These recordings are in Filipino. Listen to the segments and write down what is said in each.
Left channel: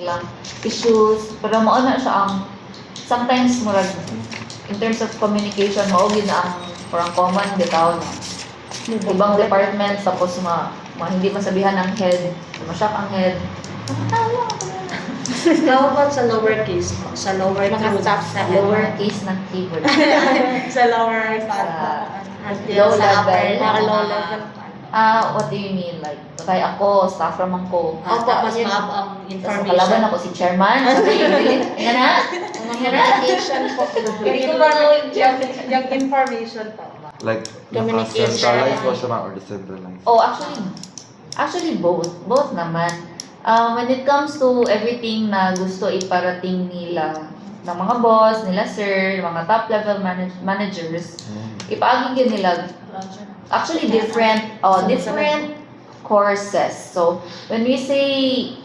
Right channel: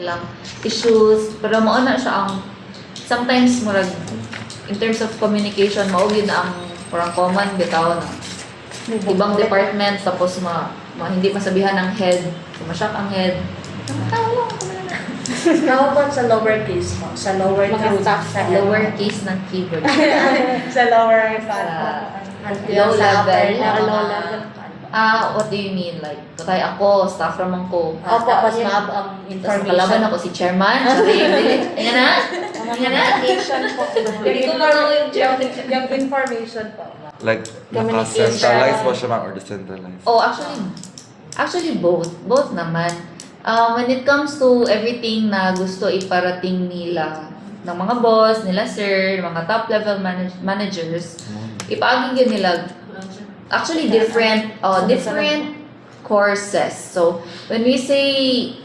lang issues, pero mao na siya ang sometimes murag in terms of communication mao gyud na ang parang common bitaw na ibang department tapos hindi masabihan ng head, sumasyak ang head. How about sa lower case mo? Sa lower Mga case? staff Sa lower case ng keyboard. Sa lower Sa until low sa level. upper Low level. What do you mean? Like, kaya ako, staff naman ko. Opo, Tapos yun. mga ang Tapos kalaban information. ako si chairman. Yan na? Yan na? Communication po. Hindi ko lang ako yung chairman. Yung information po. Like, Communication. naka-centralized ba siya or decentralized? Oh, actually both. Both naman. When it comes to everything na gusto iparating nila ng mga boss, nila sir, mga top level managers, ipaagin yun nila. Actually, different courses. So, when we say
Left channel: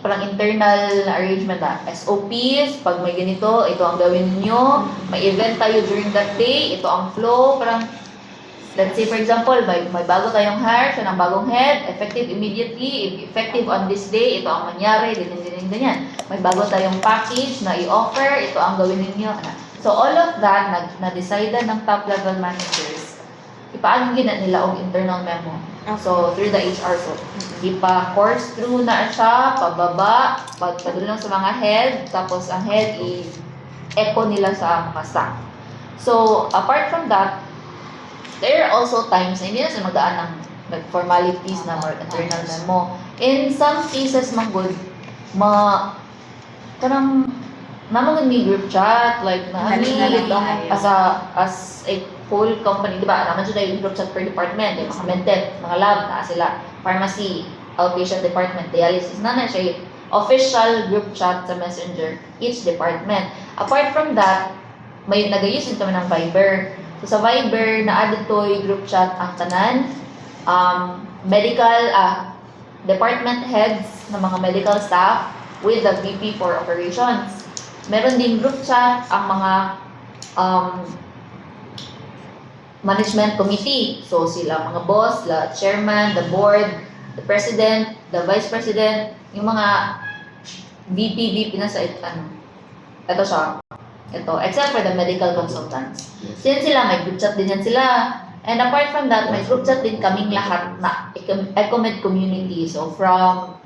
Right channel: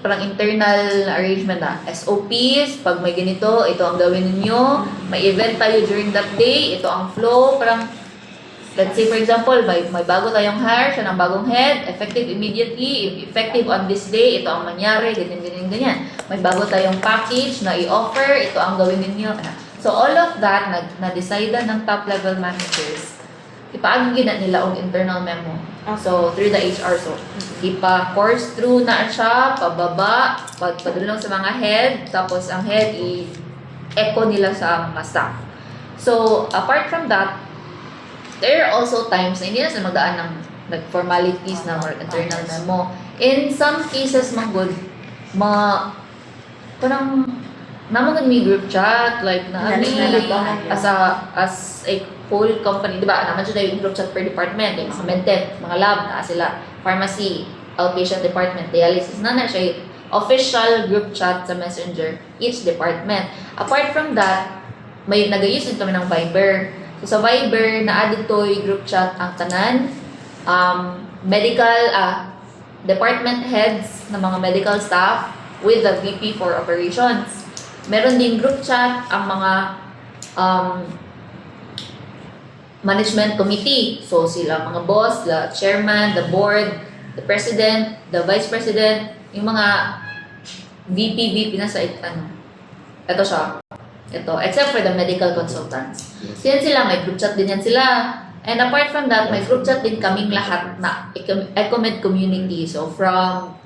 parang internal arrangement na SOPs, pag may ganito, ito ang gawin ninyo. May event tayo during that day, ito ang flow. Parang, let's say for example, may bago tayong hire, siya ng bagong head, effective immediately, effective on this day, ito ang mangyari, ganyan. May bago tayong package na i-offer, ito ang gawin ninyo. So, all of that, na-decide ng top level managers, ipaagin na nila ang internal memo. So, through the HR. So, ipa-course through na siya, pababa, pagpadulong sa mga head, tapos ang head i-echo nila sa mga staff. So, apart from that, there are also times na hindi na sila magdaan ng formalities na or internal memo. In some cases, good, parang naman may group chat, like as a whole company, di ba? Naman siya yung group chat per department, yung mga medtech, mga lab, na sila, pharmacy, outpatient department, dialysis, na siya yung official group chat sa messenger, each department. Apart from that, may nag-use din kami ng Viber. So sa Viber, na-add ito yung group chat ang tanan, medical, department heads ng mga medical staff with the VP for operations. Meron din group chat ang mga management committee. So sila mga boss, the chairman, the board, the president, the vice president, yung mga VP na sa ito siya. Ito, except for the medical consultants. Yan sila, may group chat din yan sila. And apart from that, may group chat din kaming lahat na EcoMed community. So from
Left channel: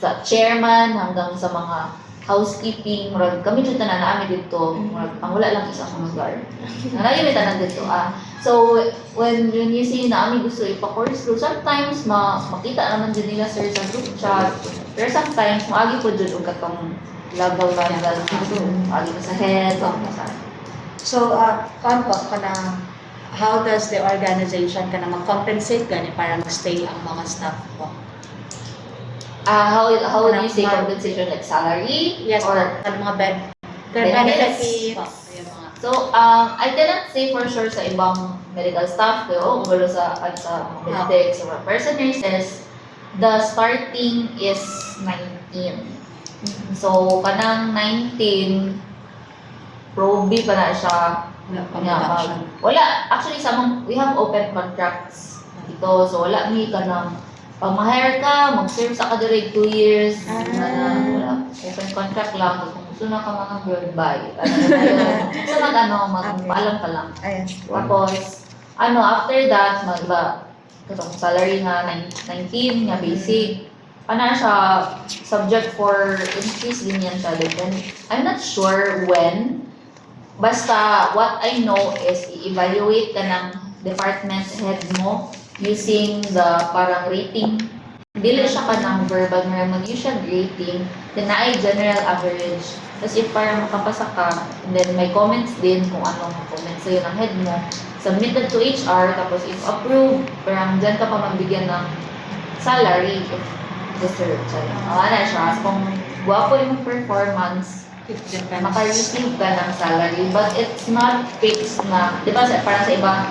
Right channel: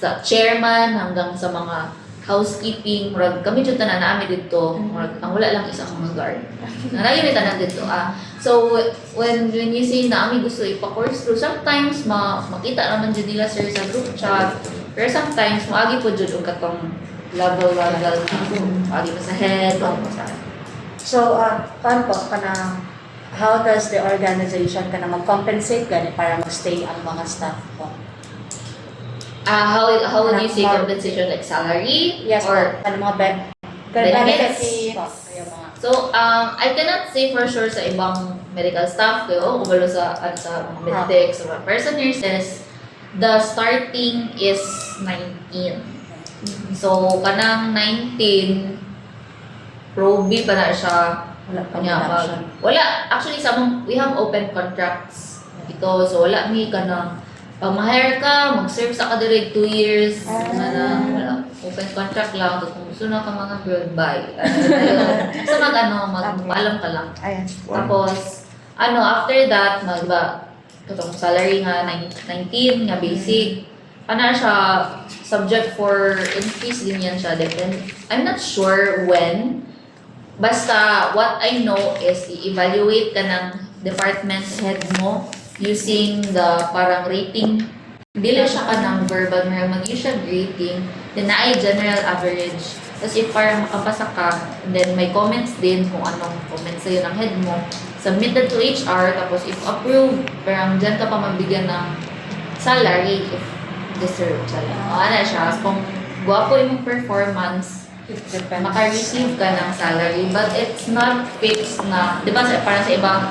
sa chairman hanggang sa mga housekeeping, kami dito na namin dito, ang wala lang isang mga guard. Narayo tanan dito. So when you say na kami gusto ipa-course through, sometimes makita naman din nila sir sa group chat, pero sometimes maagi po dyan ang katong level dito, agi pa sa head, o sa So, paano po how does the organization mag-compensate gani para mag-stay ang mga staff po? how would you say compensation, like salary? Yes, Or ang mga benefits? benefits. So, I cannot say for sure sa ibang medical staff ko, o sa medics, or person nurses, the starting is 19. So, kanang 19, proby pa na siya. Wala, actually, we have open contracts dito. So, wala kanang pag ma-hire ka, mag-serve sa ka direct 2 years, wala, open contract lang, tapos kung gusto na ka mga girl, bye. So magpaalam ka lang. Ayan. Tapos, after that, katong salary nga, 19 nga basic, siya, subject for increase din yan siya. And I'm not sure when, basta what I know is i-evaluate ka ng department head mo using the parang rating. Dili siya ka ng verbal, mag-use siya rating, then na general average. Tapos if parang makapasa ka, and then may comments din kung anong comments sa'yo ng head mo, submit that to HR, tapos if approve, parang dyan ka pa magbigyan ng salary if deserved. Siya. Kung guwapo yung performance, maka-receive ka ng salary, but it's not fixed na, di ba parang sa iba,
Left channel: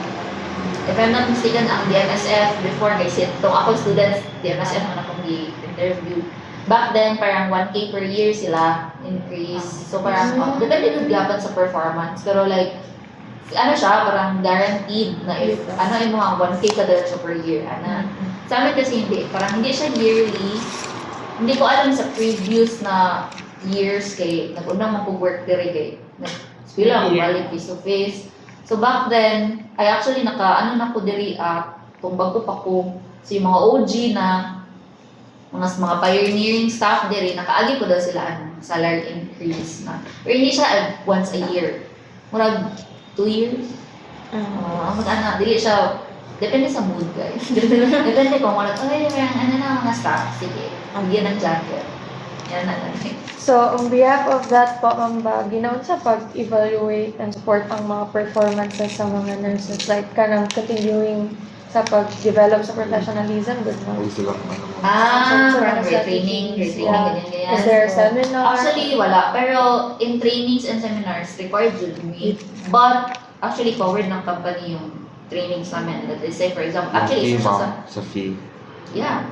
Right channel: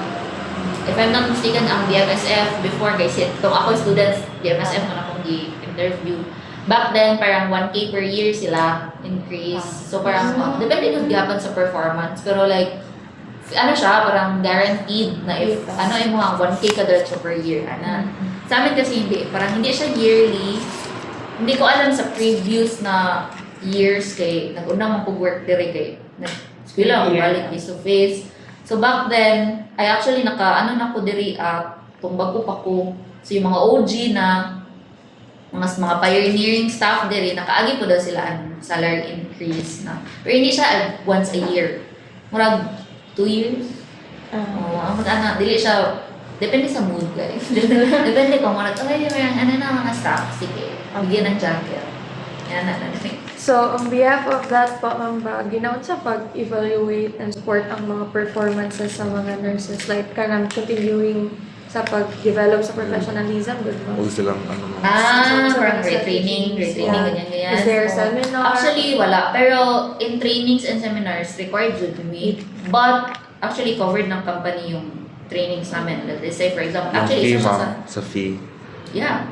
if I'm not mistaken, ang DMSF before guys, ako students, DMSF man akong di-interview. Back then, parang 1K per year sila increase. So parang, depende nun gapon sa performance. Pero like, siya, parang guaranteed na if, yung mga 1K ka diretso per year. Sa amin kasi hindi, parang hindi siya yearly. Hindi ko alam sa previous na years kay nag-una man ko work dire kay nag-eskwela ako balik face to face. So back then, I actually na ko diri kung bago pa ko. So yung mga OG na mga pioneering staff diri nakaagi po daw sila ang salary increase na. Pero hindi siya once a year. Murag 2 years. Ang dili siya depende sa mood guys. Depende kung ano na mga staff sige. Bigyan ng jacket. Yan na. So, on behalf of that po, Ma'am Ba, ginaon sa pag-evaluate and support ang mga performances sa mga nurses, like kanang continuing sa pag-develop sa professionalism, good ma'am. Huwag silang ano. Parang retraining, ganyan. Is there a seminar? Actually, wala. Pero in trainings and seminars, required yun to meet. But, actually, covered ng company yung trainings namin. Let's say, for example, Yung actually, fee, isa siya sa... ma'am, sa fee. Yeah.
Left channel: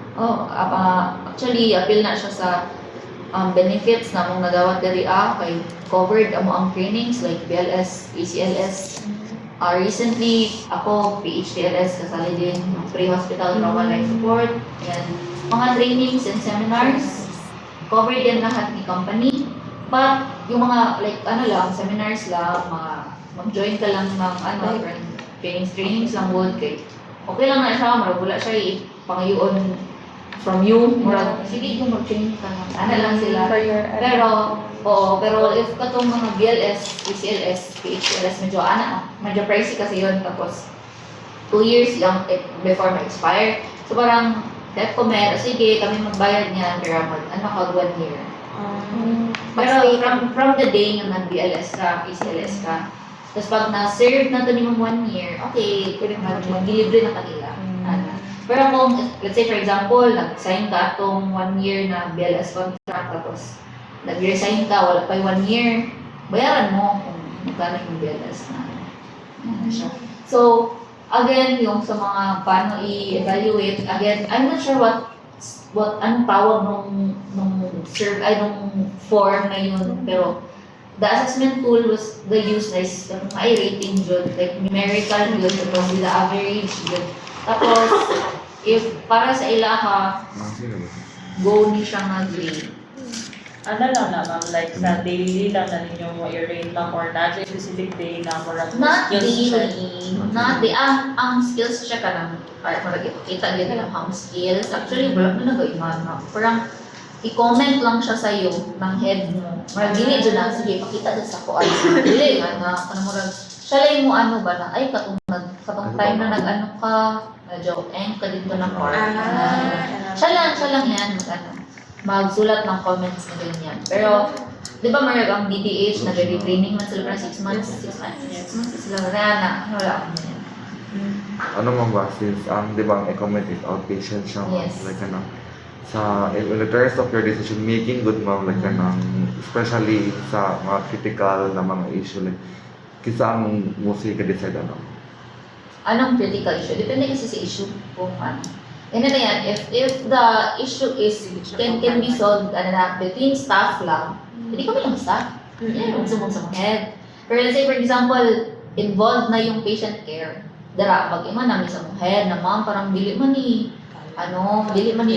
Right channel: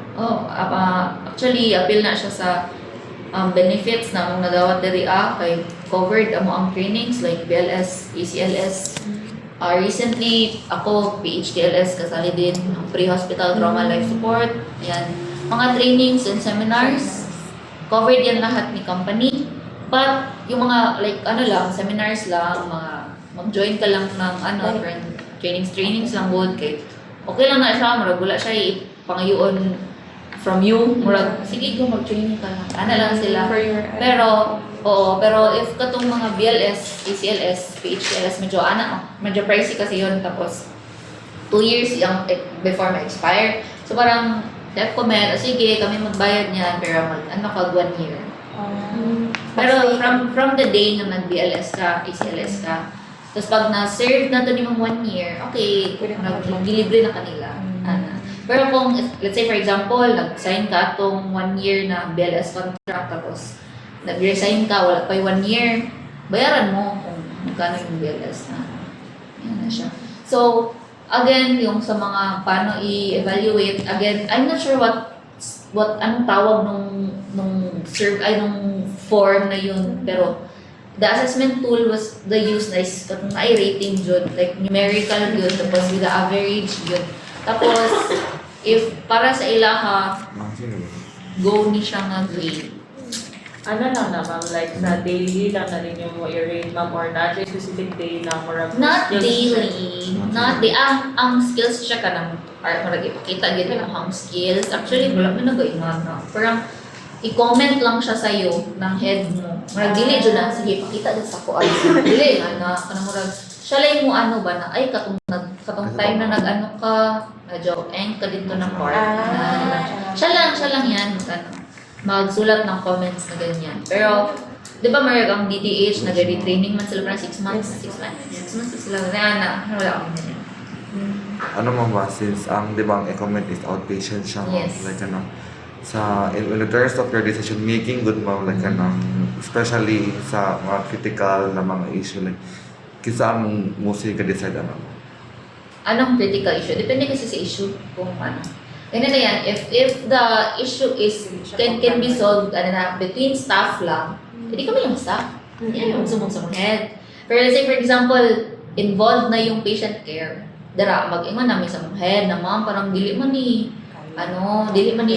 Actually, appeal na siya sa benefits na mong nadawat diri kay covered amo ang trainings like BLS, ACLS. Recently, ako PHTLS kasali din ng pre-hospital trauma life support. Yan. Mga trainings and seminars, covered yan lahat ni company. But, yung mga like seminars lang, mag-join ka lang ng trainings lang would kay okay lang na siya, marag wala siya pangayoon from you, murag sige yung mag-training ka lang. Lang sila. For your, pero if katong mga BLS, ACLS, PHLS, medyo pricey kasi yun. Tapos, 2 years yung before ma-expire. So parang, sige, kami magbayad niyan, pero 1 year. Pero from the day yung nag-BLS ka, ACLS ka, tapos pag na-serve na to yung 1 year, okay, nag-delivery na kanila. Pero kung, let's say for example, nag-sign ka atong 1 year na BLS contract, tapos nag-resign ka, wala pa 1 year, bayaran mo kung magkano yung BLS na. Yan na siya. So, again, yung sa mga paano i-evaluate, again, I'm not sure anong tawag nung form na yun, pero the assessment tool was the use na is ay rating jud, like numerical yun, tapos with the average yun. Tapos, if para sa ilaha, go ni siya nga grade. Ano lang na ma'am, like sa daily lang na ninyo mo i-rate ma'am or not specific day lang or Not skills daily. Not daily. Ang skills siya ka ng art mo lagi pakita gid ang skills. Actually, wala man nagaiman na. Parang i-comment lang siya sa iyo ng head mo. Marag dili jud na sige pakita din sa ko dili nga mo siya lang mo ba na ay katong time na nag ka medyo ka dito ng part. Siya lang yan magsulat ng comments na ganyan. Pero, di ba marag ang DDH, nag-retraining man sila parang 6 months. 6 months sila. Wala akong ganyan. Ano ma'am ba, since di ba ang e-comment is outpatient siya ma'am, Yes. like in the terms of your decision making, good ma'am, like especially sa mga critical na mga issue, like kisa ang mostly ka-decide Anong critical issue? Depende kasi sa issue kung ano. Ganyan na yan, if the issue is can be solved between staff lang, hindi kami yung staff. Yan yung sumong head. Pero let's say for example, involved na yung patient care. Dara, mag-ingon namin sa head na ma'am, parang dili man ni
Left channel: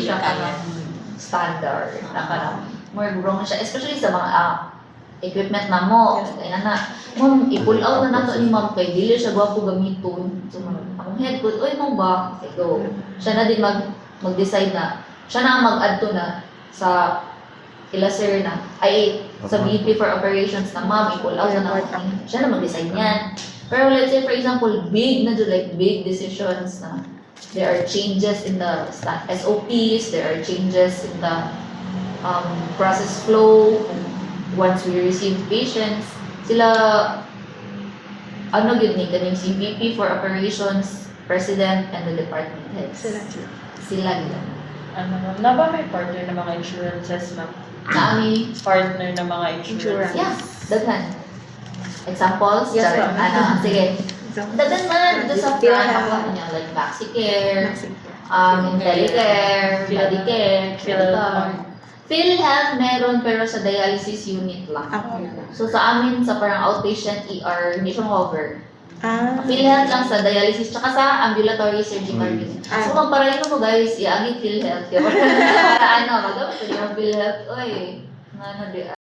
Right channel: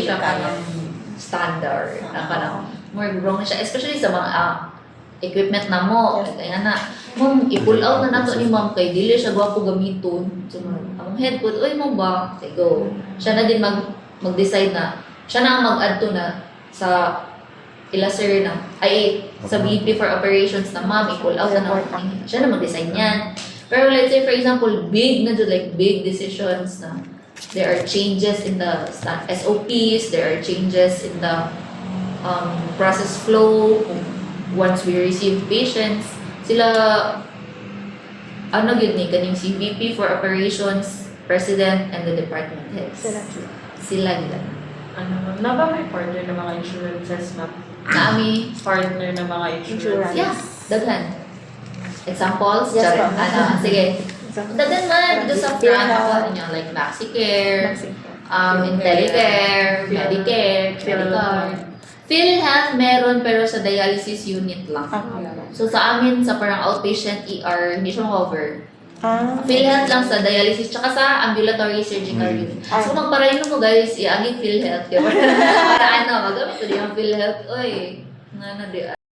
siya parang standard. Na parang more wrong na siya. Especially sa mga equipment na mo. Kaya na, ma'am, i-pull out na nato ni ma'am kay dili siya gwapo gamiton. So, ang head po, oy mo ba? Okay, go. Siya na din mag-decide na, siya na ang mag-add to na sa sir na, sa VP for operations na ma'am, i-pull out na natin. Siya na mag-decide niyan. Pero let's say for example, big decisions na there are changes in the SOPs, there are changes in the process flow, once we receive patients, sila yun ni kaning si VP for operations, president, and the department heads. Sila yun. Ano, na ba may partner ng mga insurances ma'am? Nami, Partner ng mga insurance? yeah, daghan. Examples? Yes, Sorry. ma'am. Sige. Daghan man, dito sa front, ako niya, like Maxicare, IntelliCare, Medicare, Medicare. PhilHealth meron pero sa dialysis unit lang. So sa amin, sa parang outpatient ER, hindi siya cover. PhilHealth lang sa dialysis, tsaka sa ambulatory surgical unit. So magparayin mo guys, iaging PhilHealth. Kaya para magamit ko yung PhilHealth. Oy, di